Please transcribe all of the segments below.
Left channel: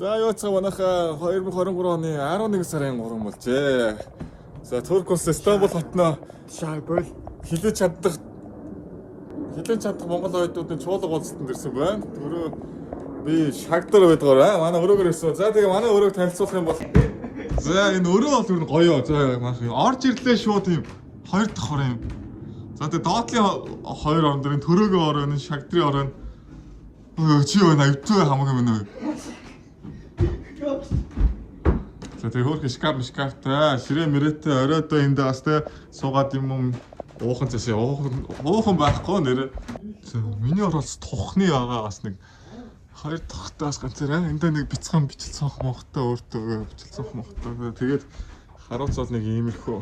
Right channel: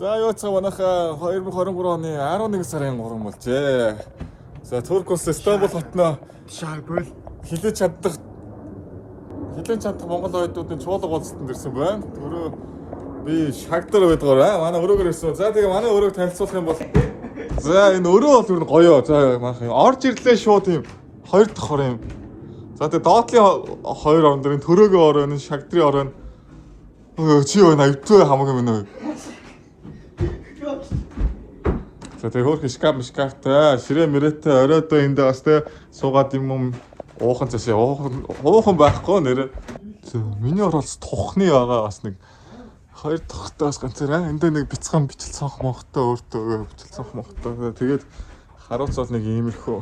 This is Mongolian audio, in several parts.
За юу ч манайха 2023 оны 11 сарын 3 болжээ. За Туркус Стамбул хотноо хилэж чаддаг Монгол оюутнуудын чуулга уулзалтанд ирсэн байна. Түрүү би шагдар байдгаар манай өрөөгөр ирсэн. За тэгээ манай өрөөг танилцуулах юм бол за энэ өрөө бол ер нь гоё. За манайх орж ирлээ шууд юм 2 дахь хор юм. За тэгээ доотлын 2 орон дээр төрөөгөө ороо энэ шагдрын ороо чи юу навтгүй хамаагүй мэнэ. За тэгээ хөрх шкафтай ширээ мэрэтэй оройдоо эндээ бас тэ суугаад юм уухан цэсээ уухан байхгүй нэр. Миний оролц тухны байгаа бас нэг 2 дахтаас ганцаараа эндээ нэг бяцхан бичил цонх мохтой өөртөө бичил цонх мохтой тэгээд харуулц бол нэг иймэрхүү.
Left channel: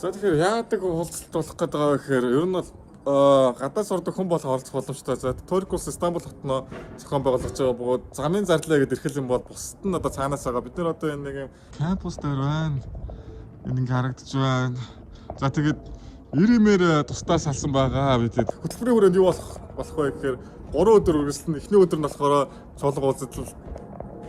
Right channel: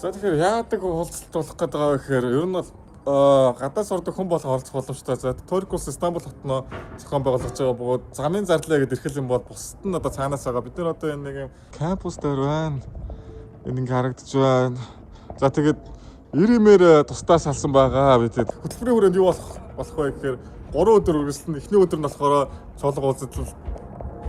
За тэгэхээр яадаг уулзалт болох гэдэг байгаа гэхээр ер нь бол гадаад сурдаг хүн болох оролцох боломжтой. За Туркус Стамбул хотноо зохион байгуулж байгаа бөгөөд замын зарлаа гэдэг ирхэл юм бол бусад нь одоо цаанаас байгаа. Бид нар одоо энэ нэг кампус дээр байна. Энэ ингээ харагдаж байна. За тэгээд ирэмээр тусдаа салсан байгаа. Би тэгээд хөтөлбөрийн хүрээнд юу болох вэ гэхээр 3 өдөр үргэлжлэн эхний өдөр нь болохоор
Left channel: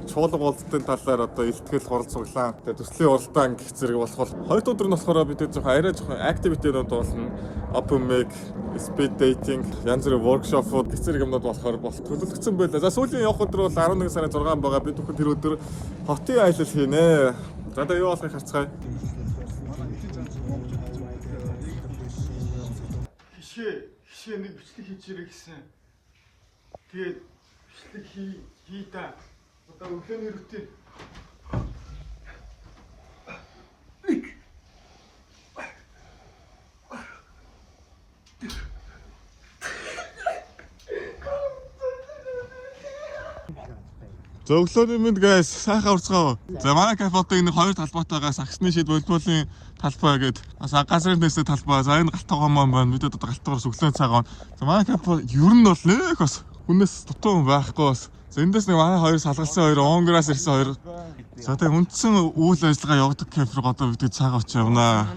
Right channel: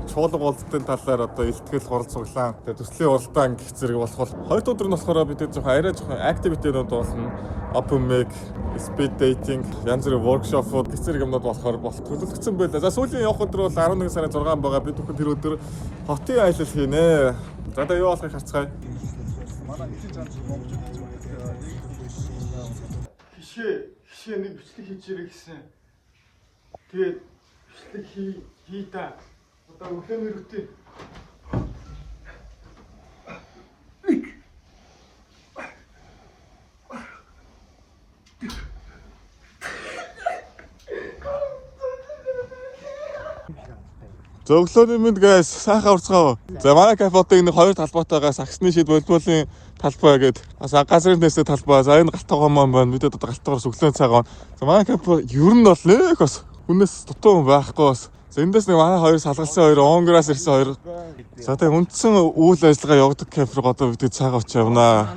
чуулга уулзалтын талаар одоо илтгэл хуралцаглаа. Тэгээд төслийн уралдаан гэх зэрэг болох. Хоёр өдөр нь болохоор бид жоохон арай жоохон активитейнууд болно. Open mic, speed dating, янз бүрийн workshop-ууд гэх зэрэг юмнууд болохоор төлөвлөгдсөн байлаа. За сүүлийн явах өдөр бол 11 сарын 6 байгаа. Бид бүхэн тэр өдөр хотын аялал хийнэ. За одоо юу болохыг харцгаая. Манай хэсэг жанц Монгол хишээ нэг бичлэг хийчихэрэй гэсэн. Тэгээд бичлэг хий та. Одоо өглөөний рутин. За өглөөний мэнд guys сайхан урцгаа. За манай кафетэй энэ хоёр талбайтайгаа сагсны шид волейболын талбай гээд бас газрын нэсээ талбай. За энэ галтгоо маань байна. Бид одоо галтгоос өглөө цагаан. За манай кафе ер нь бол нэг бас хүнээс дутуу байхгүй бас. За эндээс нэг манай хоёр салгалсан хоёр онгораас ирсэн хоёр. За тэгээ үндсэн үйл ажиллагаа явуулдаг кафе руу одоо бид цагаан очиж явнаа.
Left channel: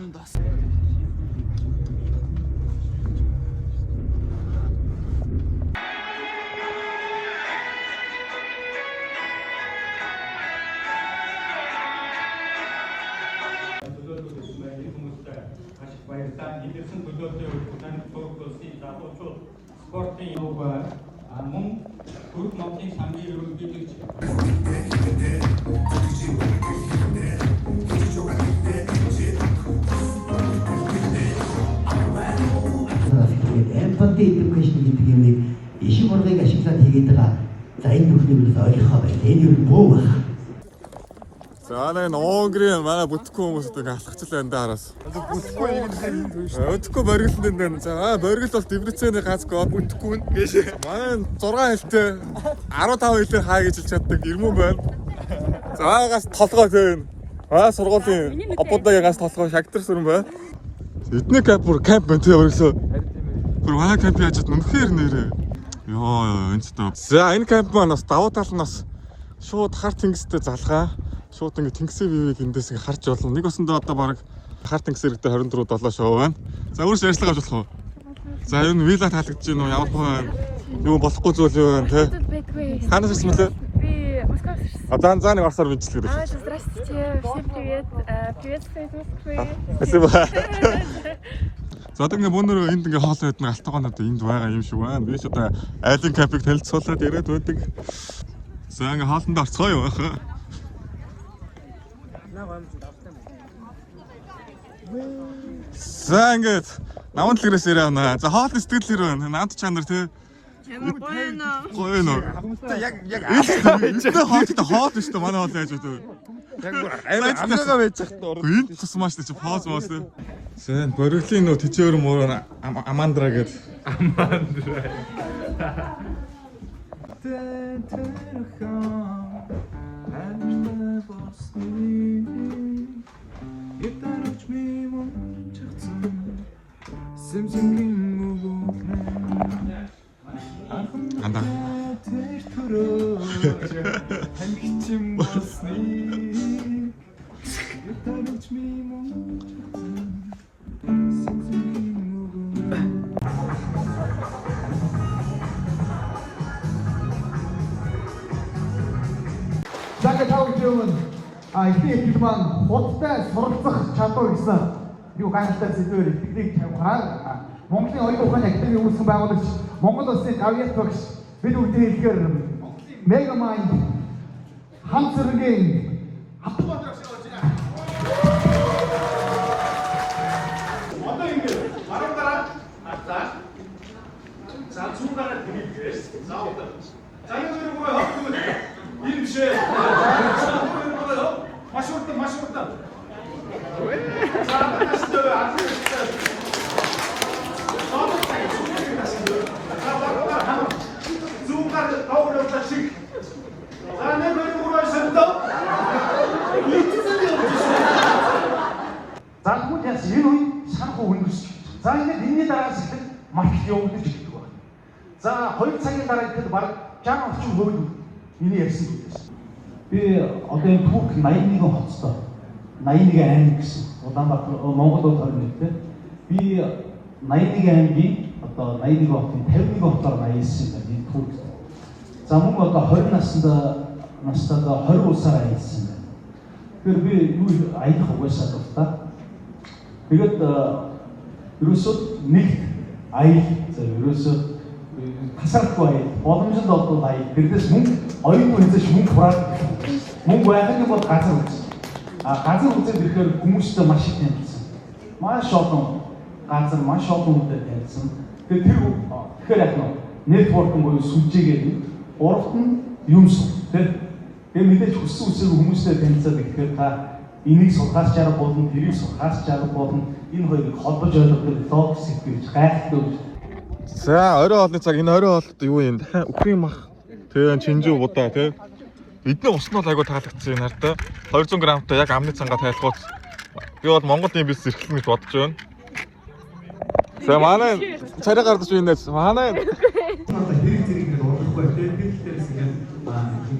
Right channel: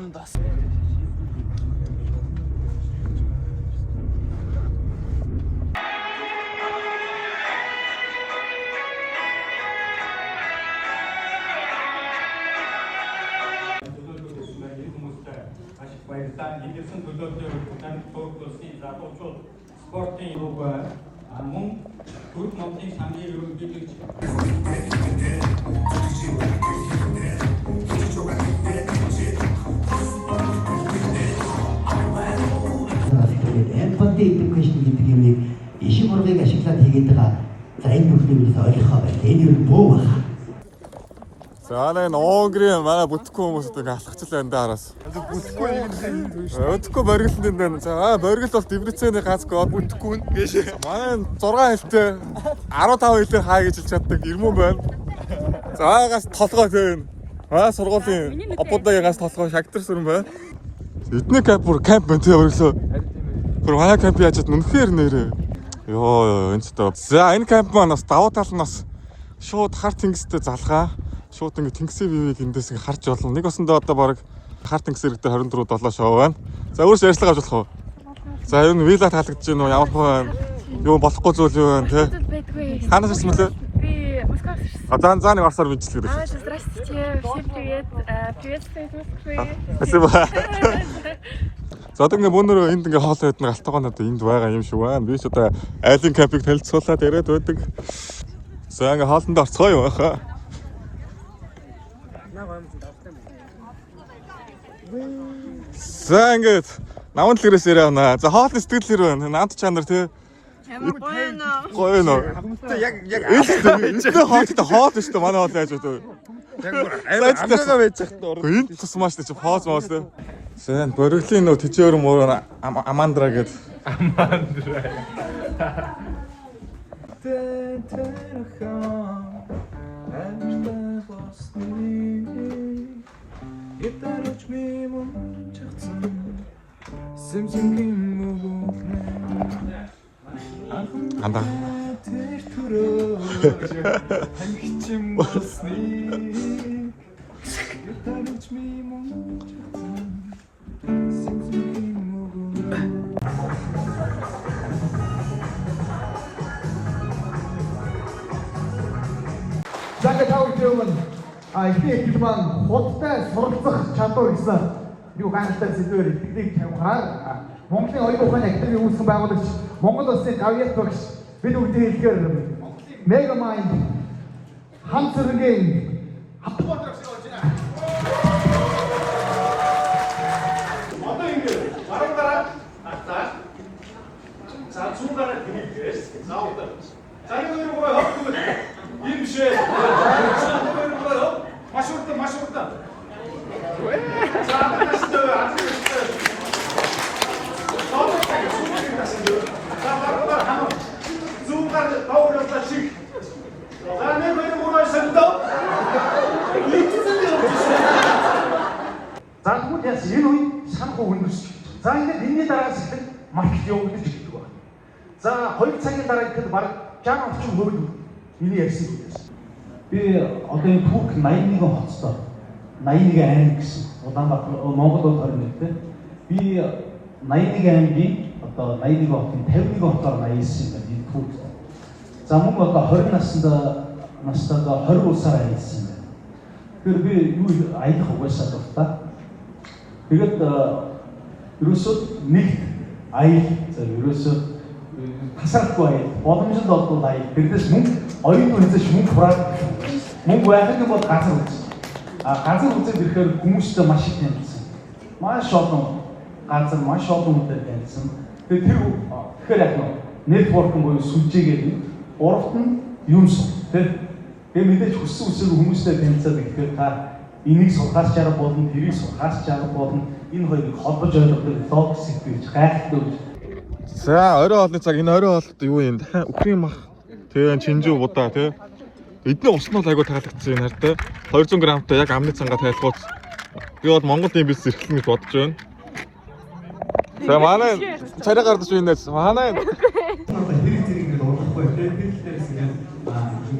Идэрсэн төлөөлөлтөөр тань Туркусийн залуучууд спортын юг мөн Турк Монголын самбарын ерөнхийлөгч empathy education гэдэг юмыг ишиг ургыг ашиглаад хийгээд байгаа. За энэ бүхнийг ойлгохоо байх. Энэ юу бөө байна? За энэ Онгрийн манай бүтэхгүй хүмүүс одоо алхацл байна да араас. Бүтэхгүй боргилсан юм байна. За боргил бол Дебрецений ганцгүй бүтэхгүй нь. Манай 6 хэлтэй 15 хэлтэй хаа гэж хэлж чаддаг ирмэн байна. За аагаас толгой зээн. Сургуулийн обоодгийн ганц толгой шагдар сүрэн байна. Эдний камп байна тий борглоо. Тэр манай камп яаж чад үнэхээр нэрээ. Йоо энэ ч тоо. За энэ камп маань бас давуу тал нь бас шууд хар тэнгистэй залгаа. Шууд ингэ тэнгисийн вивийг эндээс ингэ харж болно. Нэг осондоо одоо баг хар тэнгис хэрэгтэй 24-7 шоу байна. За өөрөөс ярьцлага авч болох уу? За энэ вила таалагдж байна уу? Ямар байна? Юу болохгүй зүйл юу байна те? Ханаас ирсэн мөлөө? Би Москваас ирсэн. За нэг орсоор бичлэг ирсэн. Здравствуйте. Всем привет. Приветствую из Москвы. Спасибо. За одоо ингэ мөнөр энд ингэ хоол байдаг алтгоонод энд байгаа юм шиг байна. Би ч одоо айлын капыг танилцуулаад ирээд байдаг. За ингэ хоолндоо орцгоо юу хаа? За ингээд наман дэлгэрээс ирээ байна. За хоол сэтгэл хэр байна? Намт чанар тий. Гоё нөө. Яг энэ хоол шүү дээ манай хоол яаж вэ? Яг айраагаа байж захтаа. Энэ тусмаас чи хоол моос тий. Сэн боргилийн нөө тэжээр мөр амандра гээд амандра. Итарч ми мөн чагцсан сэмсэнгийн мөгөө анда хангичим болсны итарч ми мөн чагцсан сэмсэнгийн мөгөө За ингээд тавьчихвал их маань худалтай суралцах чадвар гэсэн юу ганцтай зүйлээр бидний тавихаар Монголын оюун ухааны академийн үүсгэн байгуулагч Монгол Улсын гавьяат багш бид бүгдээ хэлэхээр Megamind хамт зэргийн Хатбаатар шиг болж байна. Одоо ингэ баруунаараа атаа. За зүүнээрээ дэмийгээс заавал. За энэ хоёр гурав хавтгал. Ийм бишээ. Маш урт. За настаа атаа. За баруунаар хамаа. Зүүнээр тавуулаад шиг. За нэг хоёр гурав шандаа. За тэгвэл яс энэ үе санхүү хөнгөс. За ингээд энэний дараагаас ихэнх маркет явуулж ирдэг байна. За 2 цагийн дараа ихэд баг 60 орчим хөрөг миний ярьсан юм. Би одоо энэ Турк 81 хоцтой 81 аймаг гэсэн Улаанбаатар Монгол улс орнтой. Би 81 аймгийн одоо 81 хотын 51 хотоор аялсан юм байна Турк. За мөн одоо 20 настайгаа 20 улсаар аялсан байна. Тэр би юу аялах угаасаа дуртай. Тэгээд ерөөсөө нэг аял ерөөсөө тасрахгүй аял боломжтой болдог аял. Тэрнээс мөнгө оюун үнэтэйш мөнгө хураад мөнгө байхад бол газар үз. Газар үзээд ирэхээр хүмүүстэй маш их танилцсан. Маш олон газар маш олон хүнтэй танилцсан. Тэгэхээр яг нэтворкинг буюу сүлжээгээр урд нь юмс тэр мэдээж хүссэн үсэг хүмүүстэй танилцаад ирэхээр та энийг сулгаас чарга болно, тэрийг сулгаас чарга болно. Энэ хоёрыг холбож ойлгох логик сэтгэж гайхдаг. За орой хоолны цаг энэ орой хоолт юу юм? Үхрийн мах тэгээ чинжүү будаа тий. Эдний уснал айгу таалагдсан юм хартай. 200 грамтай яг амны цангаа тайлхууц. Би бол Монголд юм бис эрхлэн гэж бодож байна. За манай царай гардаж байна. Манай хэрэг зэрэгээр уурлахгүй байх билдээс юм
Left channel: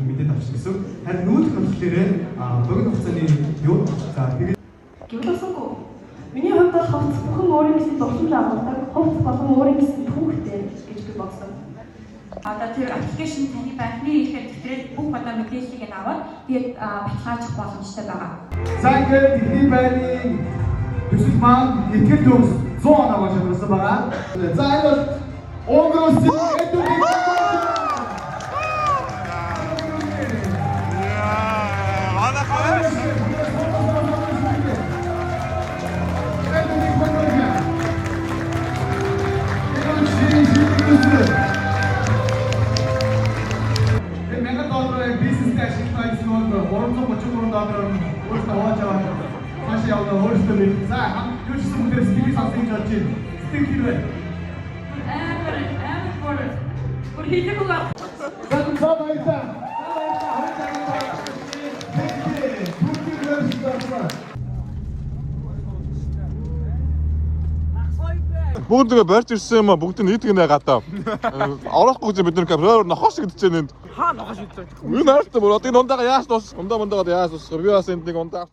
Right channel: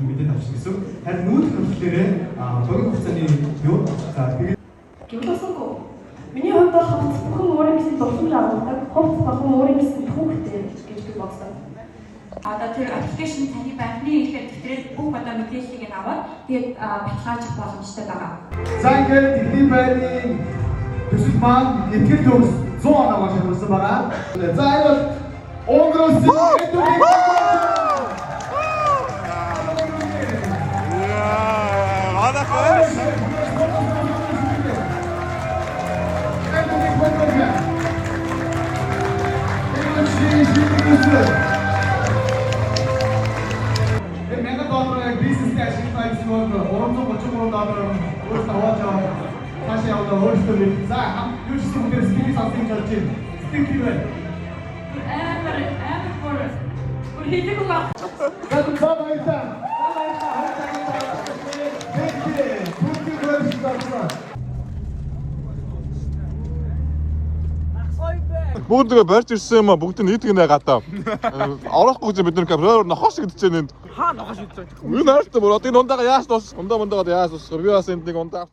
мэдэн авчихсан. Харин нүүр хөрлөлтөөр богино хугацааны юу Гэвлэсэнгүү. Миний хувьд бол хувцс бүхэн өөрийн гэсэн дурсамж авдаг. Хувцс болон өөрийн гэсэн түүхтэй гэж би бодсон. Одоо тэр аппликейшн таны банкны ихээр төвтрэл бүх одоо мэдээллийг аваад тэгээд баталгаажих боломжтой байгаа. За ингээд бидний байрны төсөл маань итгэл төгс 100 оноо шилжүүлсэн байгаа. За энэ бол Унгарын $333 өөрөөсөө аваад яваад цаашаа яваад өөрөөсөө нэг за юу ч юм дээр спикер авсан гэж бодож байна. Спикер бай. Бүр хийдэг уу? Бүгд нэг барьж ирсэн юм а бүгд нийтг нэ гадаа. Орохгүй гэж бид нар камераар нохош гэдэж байна. Хаа нохош гэдэг. Энэ наастай бүр одоо энэ ундаага яаш тус. Ундаагаад яаш тус. Би бас энд нэг ундаа.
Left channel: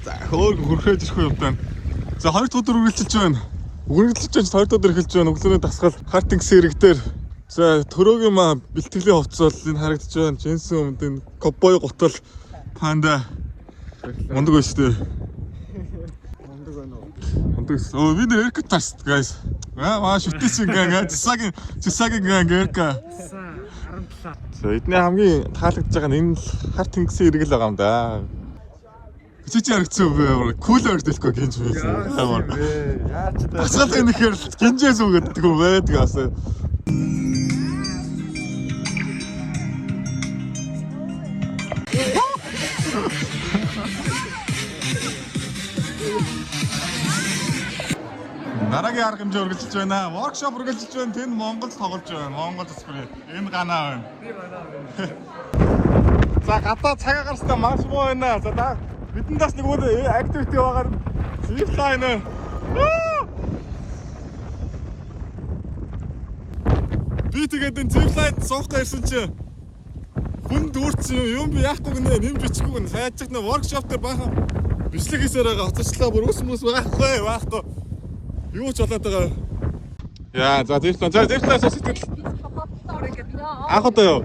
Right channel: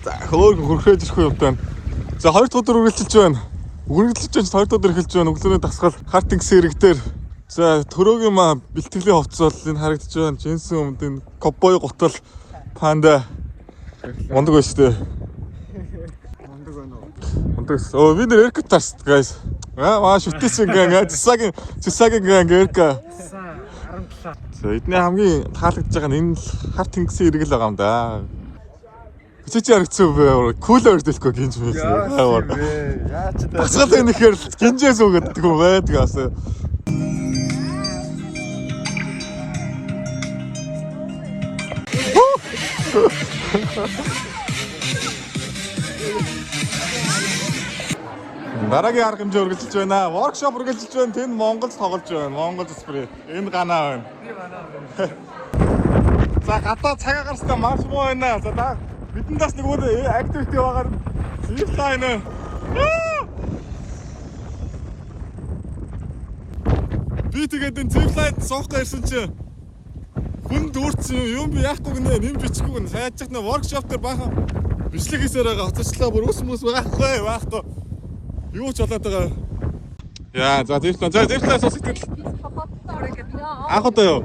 За хөөргөн хөрхөөж ирэх юм байна. За 2 дахь өдөр үргэлжилж байна. Үргэлжилж чинь 2 дахь өдөр эхэлж байна. Өглөөний дасгал хартинг сэрэг дээр. За төрөөгийн маа бэлтгэлийн хувцас бол энэ харагдаж байна. Джинсэн өмд энэ ковбой гутал панда Мондог байж тээ. Мондог. Оо бид нэр эркэт тас guys. Маа шүтээс ингээ цэсагийн ингээ эркэ. За эдний хамгийн таалагдж байгаа нь энэ харт тэнгисийн иргэл байгаа юм да. Чи харагдсан бай. Кулер дэлэхгүй гинж байсан. Яа ч дээ. Бацгаалаа нэхэр гинжээс үгддэг юм байдаг аас. Дараагийн арга хэмжээ үргэлжилж байна. Воркшоп үргэлжилж байна. Тэнд Монголд тоглож байна. Монгол спрей. Энд ганаа байна. За гадаа цагаа гарснаа маш муу байна. За бидэндээс нэг өөр активити байгаа. Зирлаа энэ. Би тэгээд энэ зирлайд суухтай ирсэн чи хүн дүүрсэн юм би яахгүй гинэ нэмж өчгүй гинэ. Сайжчих нэ воркшоп дээр баахан бичлэг хийсээр байгаа. Хоцочлаа бүр ус мөс байхгүй. Юу ч болоод байгаа. Яа, за зэрлээ сэтгэл. Анх удаа юу?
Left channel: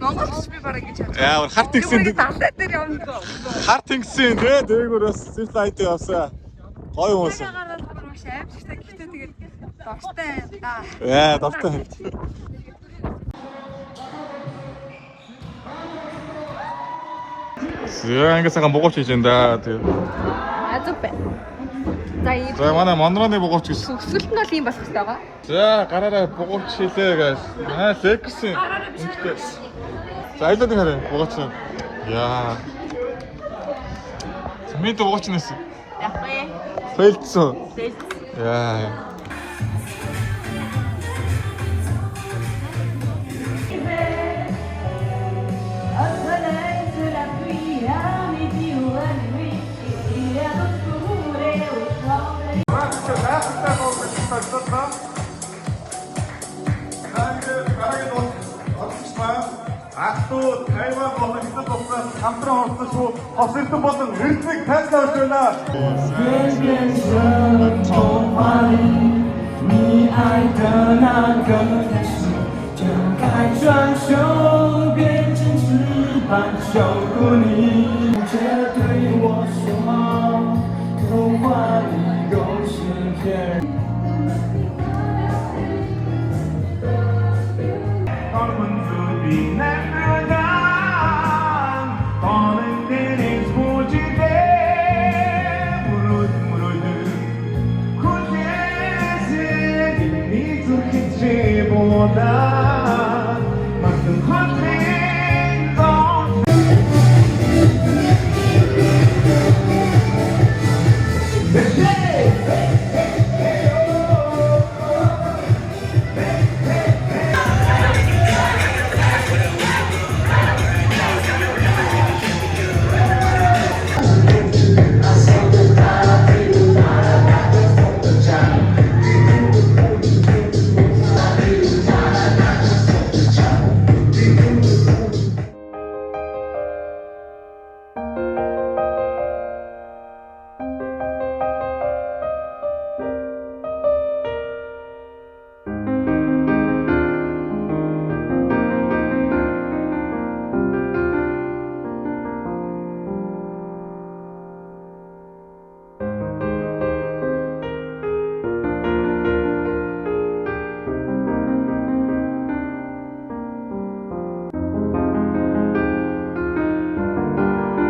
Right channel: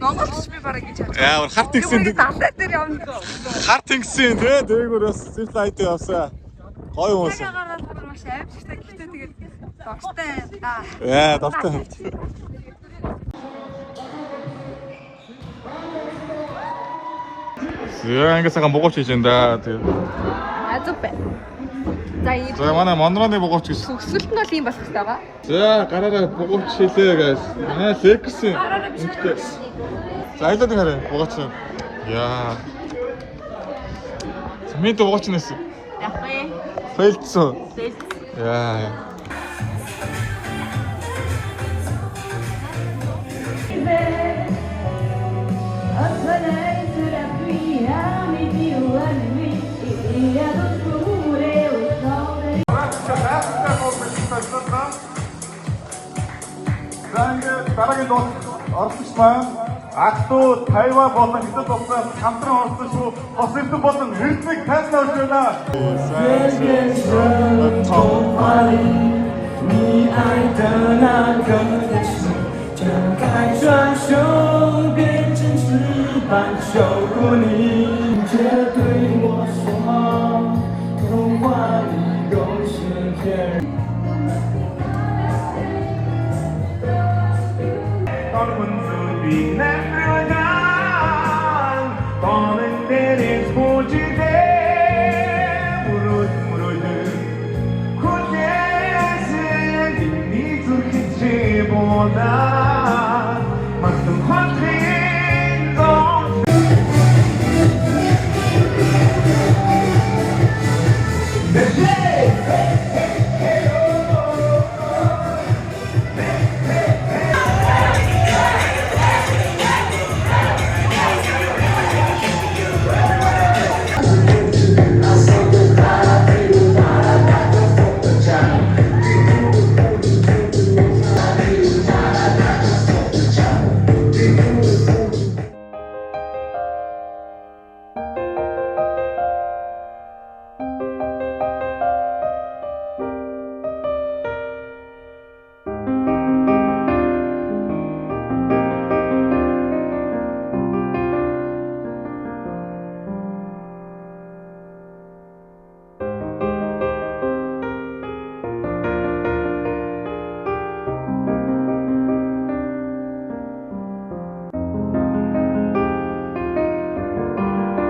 Монголч би бараг гэж бодож Яа, харт игсэн. дандаа дээр явна. Харт игсэн тий, дээгүүр бас зэрлээ айдаа явсаа. Гоё хүмүүс. Гараад маш аимшигтай гэхдээ тэгээд дуртай. Яа, дуртай. Яа, ингэсэн богооч хийж энэ да. Азуу бай. За За манай монроны богооч гэж. сүлт нь бол юм болох хэрэгтэй байгаа. За гараараа богооч хийлээ guys. Аа, лексэн. Үнэтэй. За айлын хараа богооч. Яа. Мэд богооч нэс. Яг бай. Фэлцсэн. Вау. Дараагийн орчмаа Ақтуу, Тайван болон Хятад улсаас хамтран олсон шүү. Хос элдэн болон эрдэнэ тайлбар өгч байна. Hãy subscribe cho kênh Ghiền Mì Gõ để không bỏ lỡ